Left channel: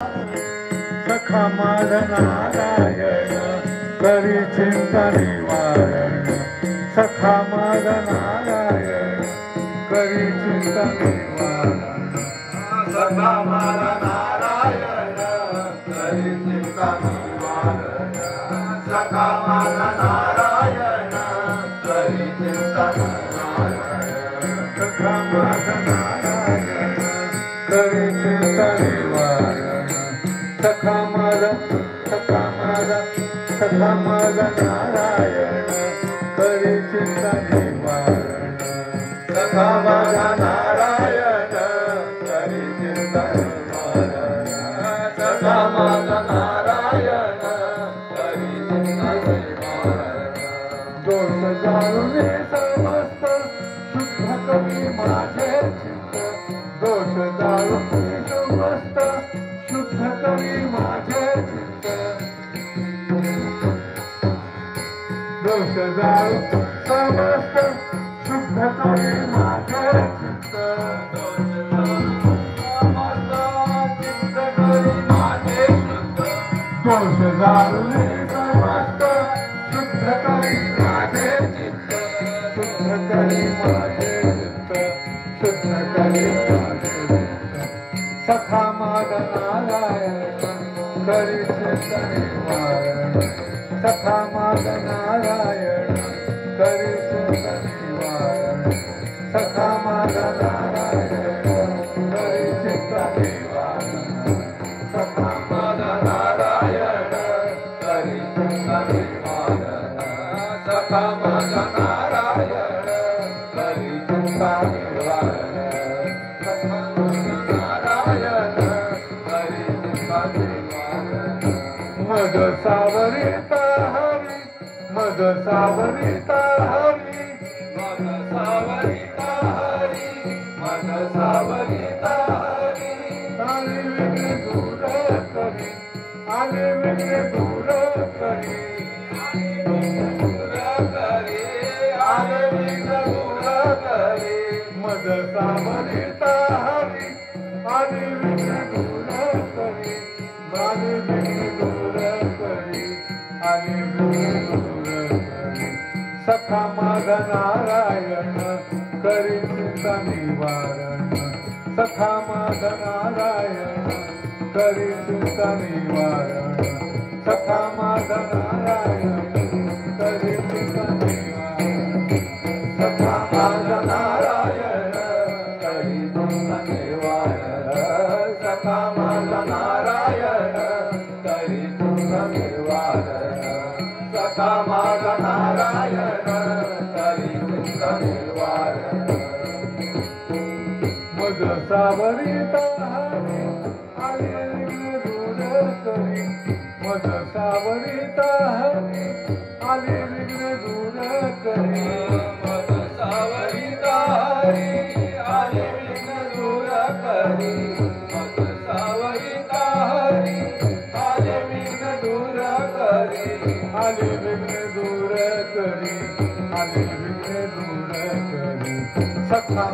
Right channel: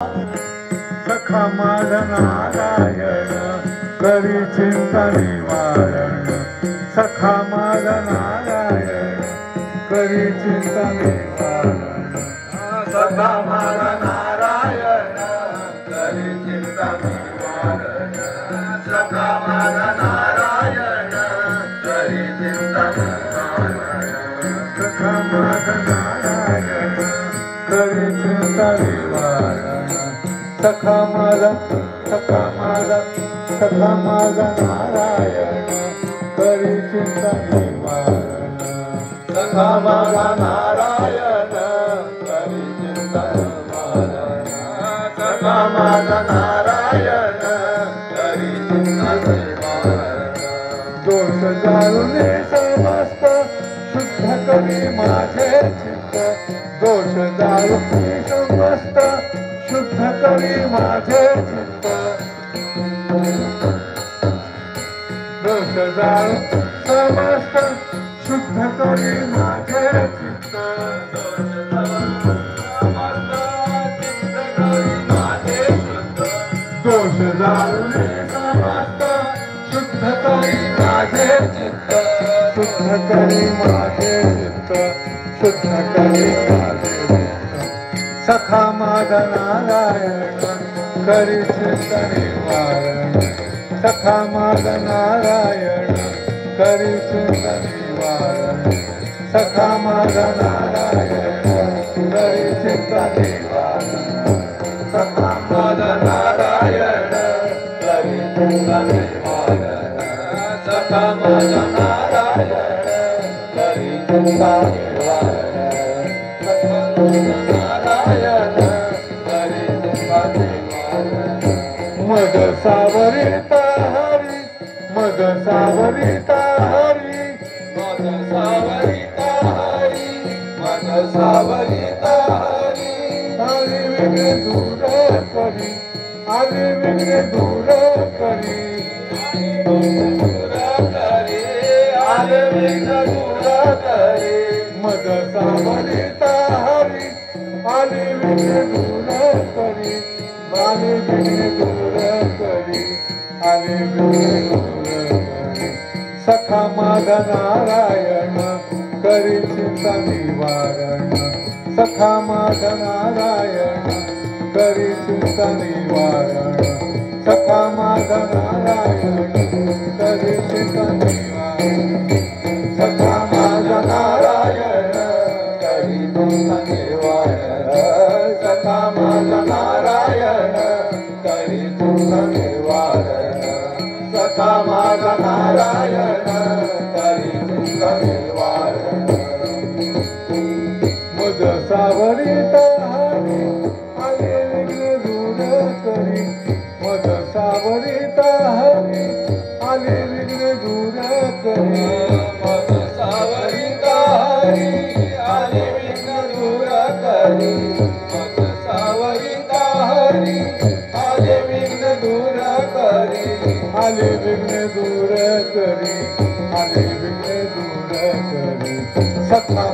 सखा माझा नारायण करी चिंता निवारण सखा माझा नारायण करी चिंता निवारण सखा माझा नारायण करी चिंता निवारण सखा माझा नारायण करी चिंता निवारण सखा माझा नारायण करी चिंता निवारण सखा माझा नारायण करी चिंता निवारण सखा माझा नारायण करी चिंता निवारण सखा माझा नारायण करी चिंता निवारण दोष जाळून समस्त शुद्ध करी माझे चित्त दोष जाळून समस्त शुद्ध करी माझे चित्त दोष जाळून समस्त शुद्ध करी माझे चित्त दोष जाळून समस्त शुद्ध करी माझे चित्त शुद्ध करी माझे चित्त शुद्ध करी माझे सखा माझा नारायण करी चिंता निवारण सखा माझा नारायण करी चिंता निवारण सखा माझा नारायण करी चिंता निवारण सखा माझा नारायण करी चिंता निवारण सखा माझा नारायण करी चिंता निवारण मद सावरिता हरी मद सावरिता हरी मद सावरिता हरी मद सावरिता हरी आले वेगळे दूर करी आले वेगळे दूर करी आले वेगळे दूर करी मद सावरिता हरी आले वेगळे दूर करी आले वेगळे दूर करी आले वेगळे दूर करी सखा माझा नारायण करी चिंता निवारण सखा माझा नारायण करी चिंता निवारण सखा माझा नारायण करी चिंता निवारण सखा माझा नारायण करी चिंता निवारण सखा माझा नारायण करी चिंता निवारण सखा माझा नारायण करी चिंता निवारण मद सावरिता हरी आले वेगळे दूर करी मद सावरिता हरी आले वेगळे दूर करी मद सावरिता हरी आले वेगळे दूर करी मद सावरिता हरी आले वेगळे दूर करी आले वेगळे दूर करी आले वेगळे दूर करी सखा